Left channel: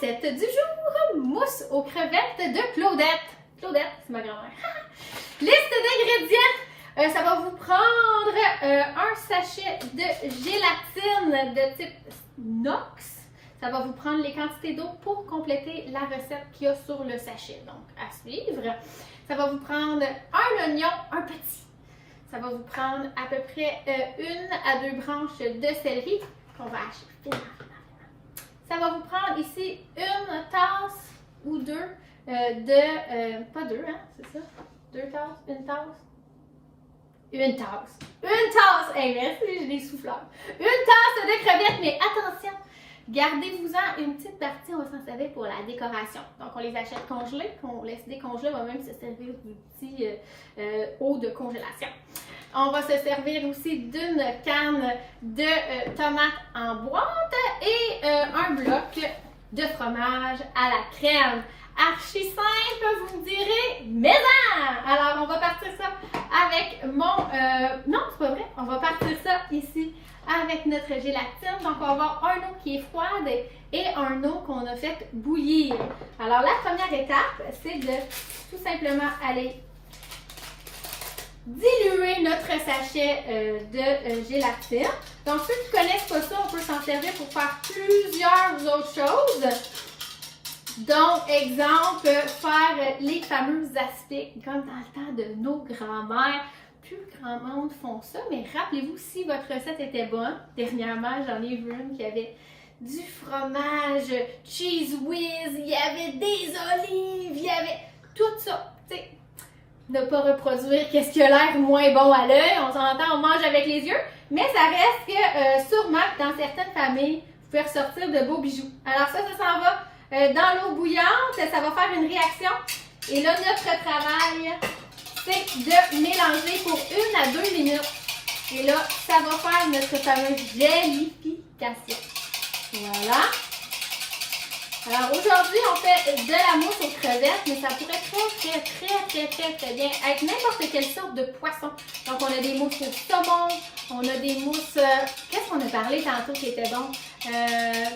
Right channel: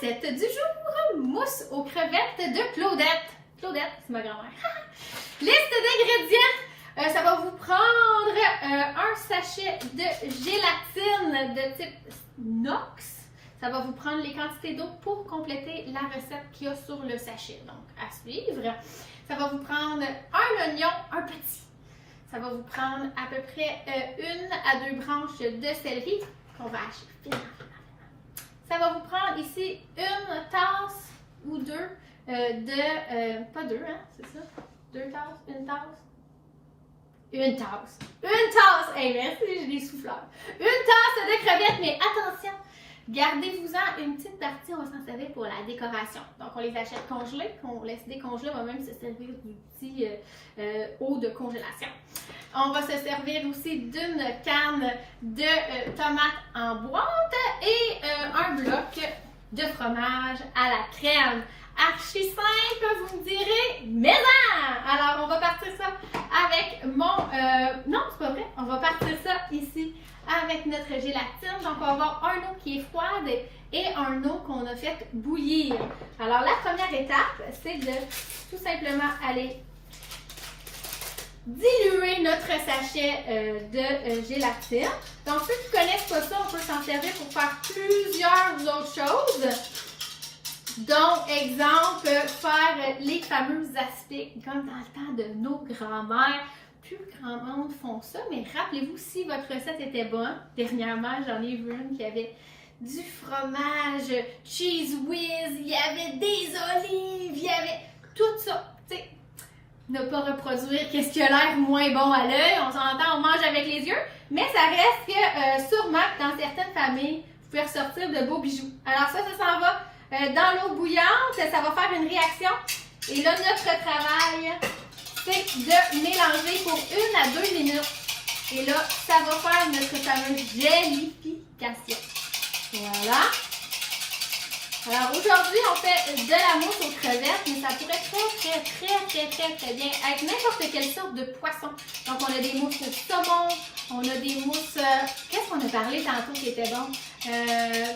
recette du jour, mousse aux crevettes de Claudette. Claudette, c'est ma grand-mère. Liste d'ingrédients. Ça va vous prendre un sachet de gélatine de type inox. Ça va vous prendre les quantités d'eau pour compléter la recette qu'il y a sur le sachet. Donc, à suivre. Ça va vous prendre un oignon, un petit. Ça va vous prendre à peu près 1 à 2 branches de céleri qu'on va acheter. Ça va vous prendre ici une tasse ou deux pas deux, hein, c'est ça? 2 tasses, une tasse? Une tasse. Une tasse! Hey, merci, j'ai des souffleurs. Une tasse de crevettes, mais attention! Gardez-vous-en une petite partie, on va s'en servir pour la décoration. Donc, on les achète congelés, on laisse décongeler, on va même se servir du petit eau de congélation. On va se servir aussi d'une canne de tomates en boîte et un bloc de fromage à la crème. Archi simple, vous me direz, mais non! Alors, on va partir ça avec mon... non, c'est pas vrai. On va partir ça ici avec notre gélatine. Donc, on va avoir un eau qui est froide et un eau qu'on a fait bouillir. Alors, la première étape, c'est de tout simplement aller diluer notre sachet de gélatine. Donc, ceux qui ne connaissent pas ça, on peut s'en servir pour faire plusieurs autres choses. Donc, exemple, faire les fameux aspics, comme dans le temps de nos grands-mères. Plus grand monde font ça, mais rappelez-vous, si votre recette était bonne, dernièrement, j'en ai vu une qui avait du fromage, cheese whiz, il y avait des olives, il y avait tout ça. Tu sais, ne pas reproduire qu'est-ce qui a l'air moins bon à l'œil, on s'entend, on mange avec les yeux, mais ça reste que sûrement dans certaines familles, vous pouvez ressortir de beaux bijoux. Alors ça s'en va dans l'eau bouillante, ça va faire une réaction. Et là, notre travail, c'est de mélanger pour 1 à 2 minutes. Et là, ça va faire notre fameuse gélification. Voilà. Alors aujourd'hui, on fait de la mousse aux crevettes, mais ça pourrait très bien être n'importe quelle sorte de poisson. Donc on a des mousses au saumon, on a des mousses, qu'est-ce qu'on a parlé tantôt qui était bon?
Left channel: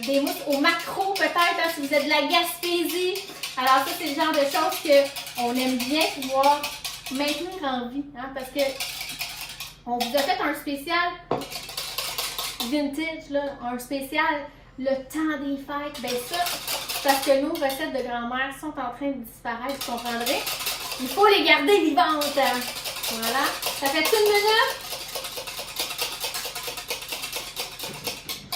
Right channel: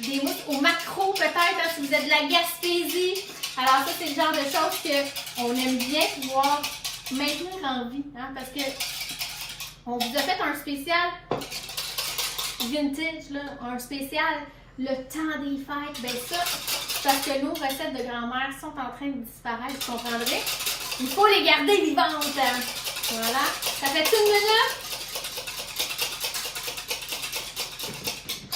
Des mousses au maquereau peut-être, hein, si vous êtes de la Gaspésie. Alors ça, c'est le genre de choses qu'on aime bien pouvoir maintenir en vie, hein, parce que on vous a fait un spécial vintage, là, un spécial le temps des fêtes. Ben ça, parce que nos recettes de grand-mère sont en train de disparaître, vous comprendrez. Il faut les garder vivantes. Voilà. Ça fait 1 minute.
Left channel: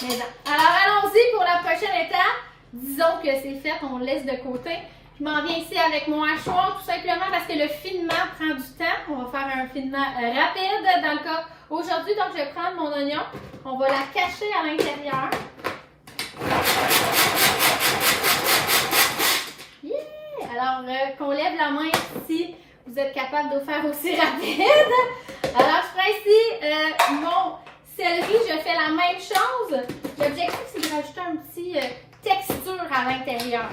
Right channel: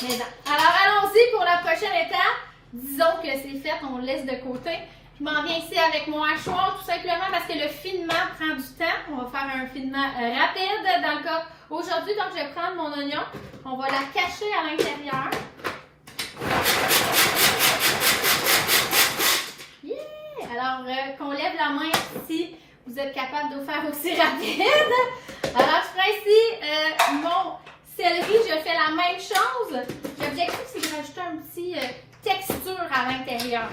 Mais non. Alors allons-y pour la prochaine étape. Disons que c'est fait, on le laisse de côté. Je m'en viens ici avec mon hachoir, tout simplement parce que le finement prend du temps. On va faire un finement rapide dans le cas aujourd'hui. Donc, je vais prendre mon oignon. On va la cacher à l'intérieur. Yeah! Alors, qu'on lève la main si vous êtes capable de faire aussi rapide. Alors, je ferai ici mon céleri. Je fais la même chose. L'objectif, c'est de rajouter un petit texture à l'intérieur.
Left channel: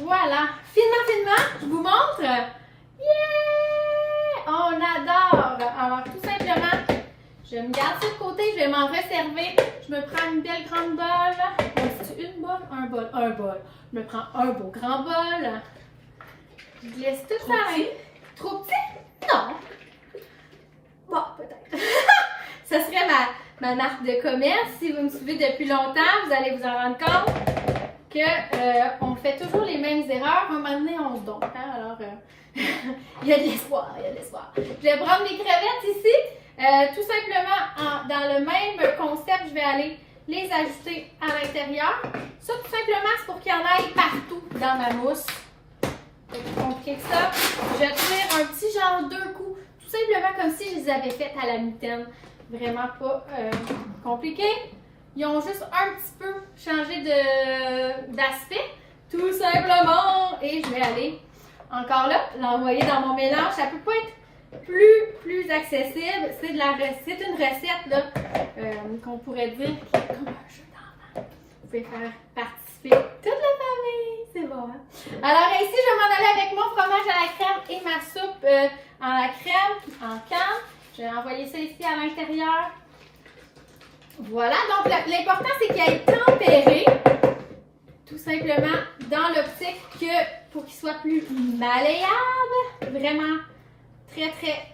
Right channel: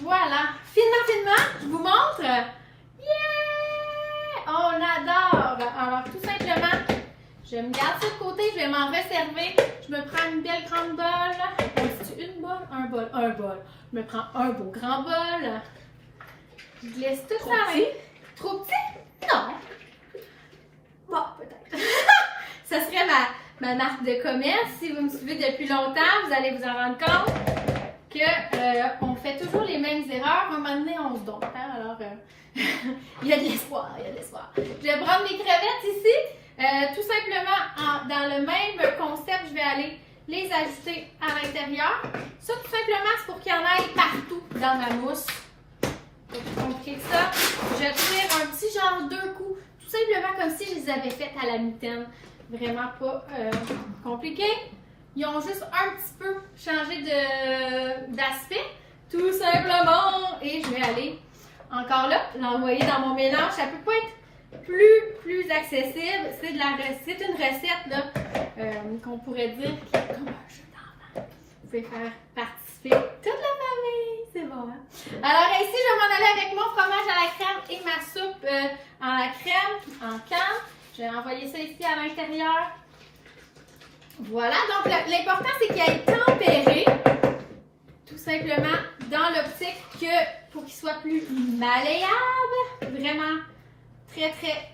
Voilà. Finement, je vous montre. Yeah! On adore. Alors, tout simplement, je me garde ça de côté, je vais m'en resservir. Je me prends une belle grande bol. Une bol? Un bol. Un bol. Je me prends un beau grand bol. Je glisse tout ça. Trop petit? Non. Bon, peut-être. Ça serait ma marque de commerce. Si vous me suivez depuis longtemps, vous allez vous en rendre compte que on fait toujours les mêmes erreurs. À un moment donné, on se dompe. Hein? Alors, il y a de l'espoir, il y a de l'espoir. Je bromme les crevettes ici. Tout simplement, dans le même concept, je vais aller les ajouter à l'intérieur. Ça, tout simplement, c'est pour qu'il y en aille partout dans ma mousse. C'est plus compliqué que ça. Je tire un petit genre 2 coups, tout simplement comme si je les avais faites à la mitaine. Vraiment pas compliqué. Ils ont juste un petit peu changé d'aspect, tout simplement. Et je vais aller encore là, l'envoyer dans mon mélange. Ça peut pas être plus accessible. C'est une recette là, qu'on pourrait dire qui est comme un jeu d'enfant. Vous pouvez faire participer toute la famille. C'est bon, hein? Alors ici, je vais m'en aller avec mon fromage à la crème et ma soupe à la crème en canne. Je vais envoyer ça ici à l'intérieur. Voilà, donc l'important c'est qu'il ait tempéré, tout simplement dans l'optique que pour qu'il soit plus malléable, vraiment très très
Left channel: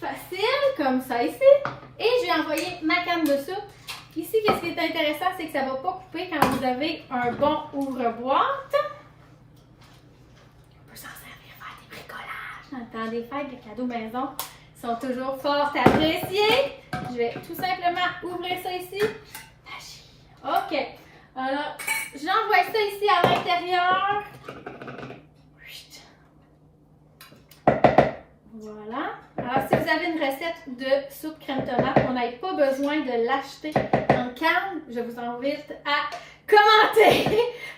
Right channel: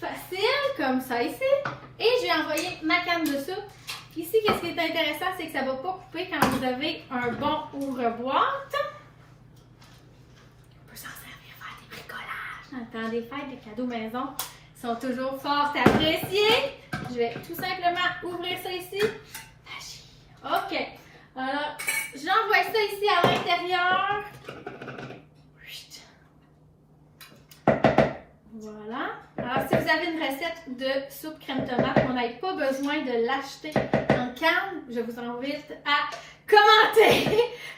facile, comme ça ici. Et j'ai envoyé ma canne de soupe. Ici, qu'est-ce qui est intéressant, c'est que ça ne va pas couper quand vous avez un bon ouvre-boîte. On peut s'en servir faire des bricolages dans le temps des fêtes, les cadeaux maison sont toujours fort appréciés. Je vais tout simplement ouvrir ça ici. OK. Alors, j'envoie ça ici à l'intérieur. Voilà. Alors, si vous avez une recette de soupe crème tomate, on n'a pas besoin de l'acheter en canne, je vous invite à commenter.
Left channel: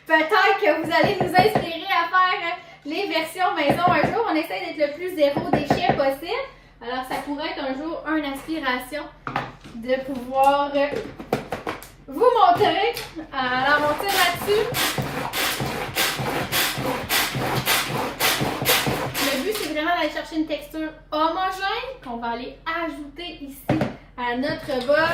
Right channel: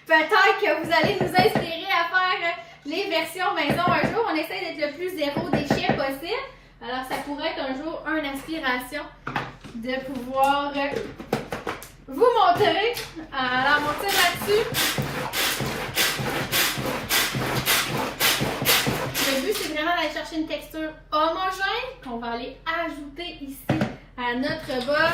Peut-être que vous allez nous inspirer à faire les versions maison un jour. On essaie d'être le plus zéro déchet possible. Alors, ça pourrait être un jour une inspiration de pouvoir vous montrer. Alors, on tire là-dessus. Le but, c'est vraiment d'aller chercher une texture homogène qu'on va aller ajouter ici à notre bol.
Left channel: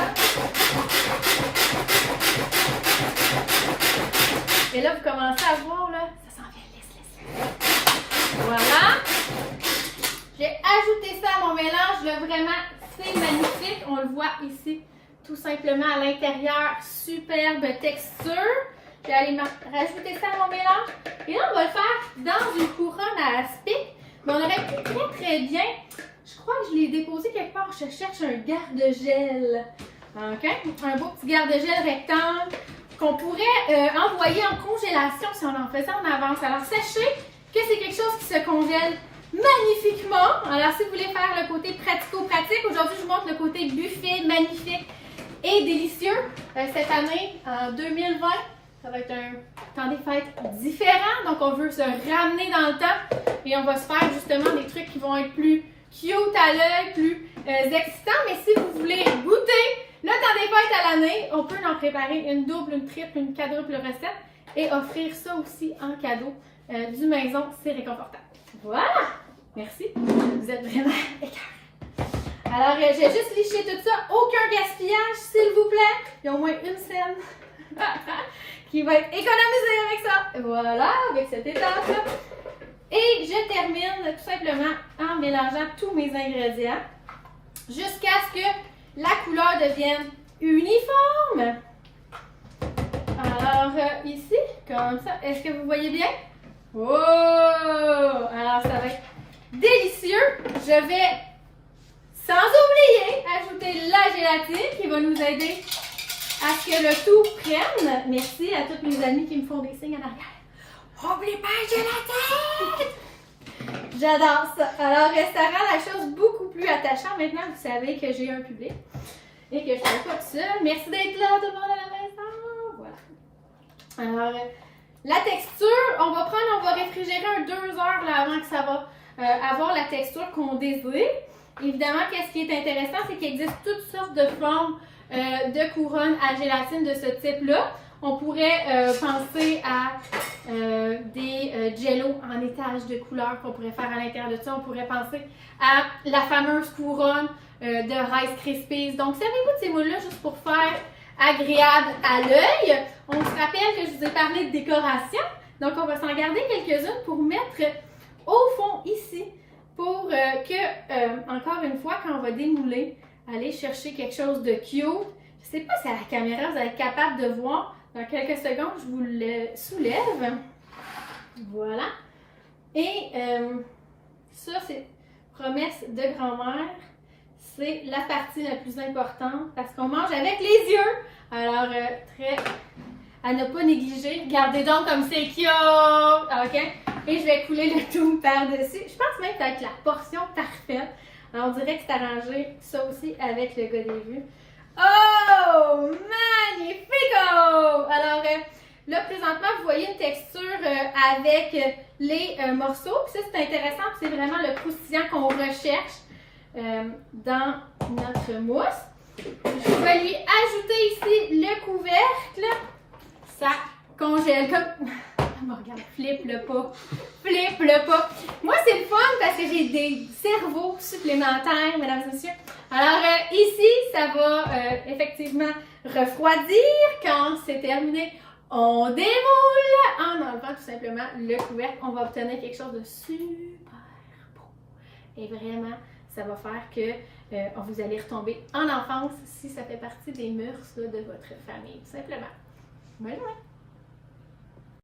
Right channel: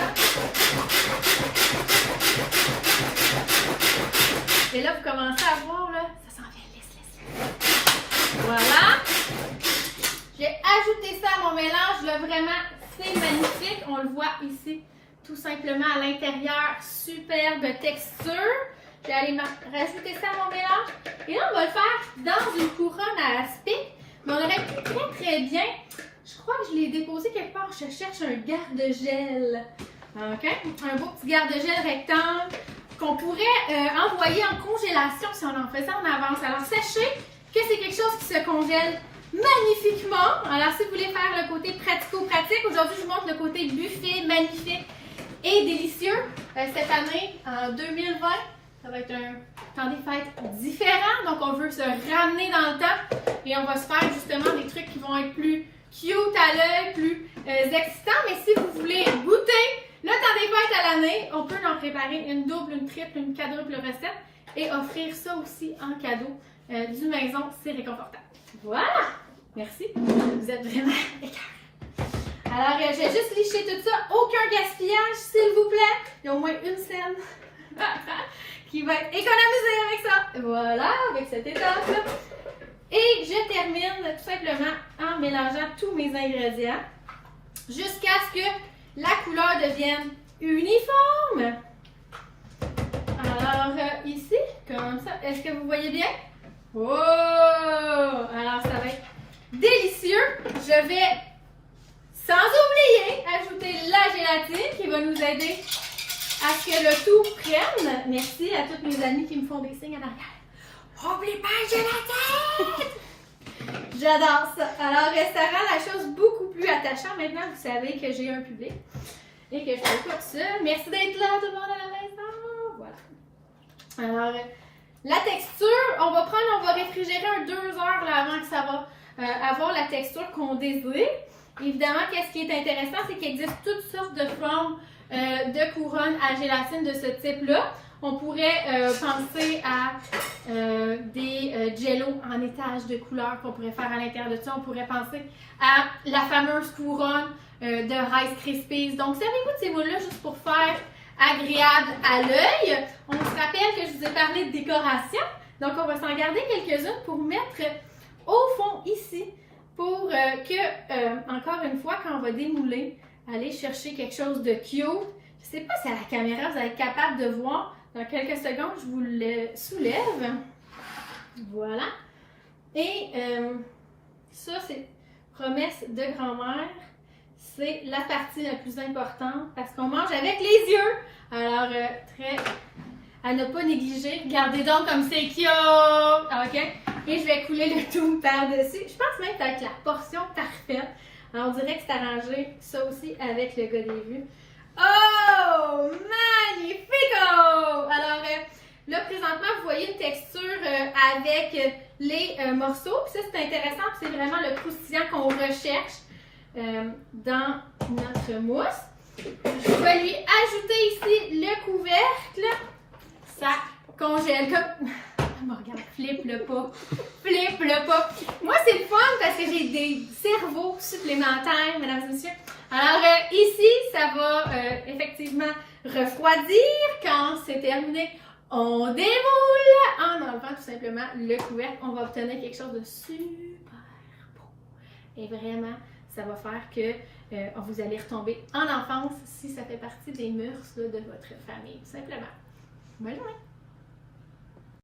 Et là, vous commencez à voir, là, ça s'en vient lisse. Voilà. J'ai ajouté ça à mon mélange. Là, vraiment, c'est magnifique. On le voit ici, tout simplement à l'intérieur. Superbe texture. Je vais aller rajouter ça à mon mélange. Et là, on va le faire dans une couronne à aspic. Mais on aurait pu très bien, je crois que je l'ai déposé quelque part, je cherche un garde-gel. OK? Un beau petit garde-gel rectangle qu'on pourrait envoyer en congélation si on en faisait en avance. Alors, sachez que c'est quelque chose qui se congèle magnifiquement. Alors, si vous voulez faire le côté pratico-pratique, aujourd'hui, je vous montre le côté buffet magnifique et délicieux. Cette année, en 2020, ça va être un temps des fêtes différent, donc on veut se ramener dans le temps et on va se faire justement des trucs qui vont être plus cute à l'œil, plus excitants. Mais si vous voulez goûter le temps des fêtes à l'année, on peut en préparer une double, une triple, une quadruple recette et offrir ça aussi en cadeau du maison. C'est réconfortable. Voilà! Merci. Vous êtes vraiment écœurants. Alors, je vais juste licher tout ça. Aucun gaspillage, s'il vous plaît. Il y a au moins une scène qui va être économisée avec ça. Voilà, avec cette étape-là. Et je termine tout simplement en mélangeant tous mes ingrédients jusqu'à ce que la couleur devienne uniforme. Alors, ici, comme ça, est-ce que vous voyez bien? Oh! Alors, ça va être délicieux. Je vais, sans oublier, ajouter la gélatine qui va nous aider à ce que le tout prenne. Merci à tous mes amis qui me font des signes en arrière. N'oubliez pas la gélatine! J'adore ça. Alors, ça rend la chose beaucoup plus attachante. Maintenant, vous savez que j'ai un public et que je ne suis pas seule. Merci d'être là, tout le monde à la maison. Voilà. Alors, la texture, on va réfrigérer 2 heures là, avant que ça va avoir la texture qu'on désire. Évidemment, qu'est-ce qui est intéressant, c'est qu'il existe toutes sortes de formes de couronnes à gélatine de ce type-là. On pourrait penser à des jello en étage de couleurs qu'on pourrait faire à l'intérieur de ça. On pourrait penser à la fameuse couronne de Rice Krispies. Donc, servez-vous de ces moules-là juste pour faire agréable à l'œil. On se rappelle que je vous ai parlé de décoration. Donc, on va s'en garder quelques-unes pour mettre au fond ici pour que, encore une fois, quand on va démouler, aller chercher quelque chose de cute. Je ne sais pas si à la caméra, vous allez être capable de voir. Dans quelques secondes, je vous le soulève. Voilà. Et ça, c'est promesse de grand-mère. C'est la partie la plus importante parce qu'on mange avec les yeux. Alors, très à ne pas négliger. Regardez donc comme c'est cute. OK? Et je vais couler le tout par-dessus. Je pense même que ça va être la portion parfaite. Alors, on dirait que c'est arrangé ça aussi avec le gars des vues. Oh! Magnifico! Alors, là, présentement, vous voyez une texture avec les morceaux. Puis ça, c'est intéressant. C'est vraiment le croustillant qu'on recherche dans notre mousse. Je vais lui ajouter ici le couvercle. Ça congèle comme... Regarde, flippe le pas. Flippe le pas. Moi, c'est le fun parce que j'ai des cerveaux supplémentaires, mesdames et messieurs. Alors, ici, ça va effectivement refroidir. Quand c'est terminé, on déroule en enlevant tout simplement le couvercle. On va obtenir quelque chose de super beau. Et vraiment, ça va faire que vous allez retomber en enfance si ça fait partie des mœurs là, de votre famille, tout simplement. Bonne journée!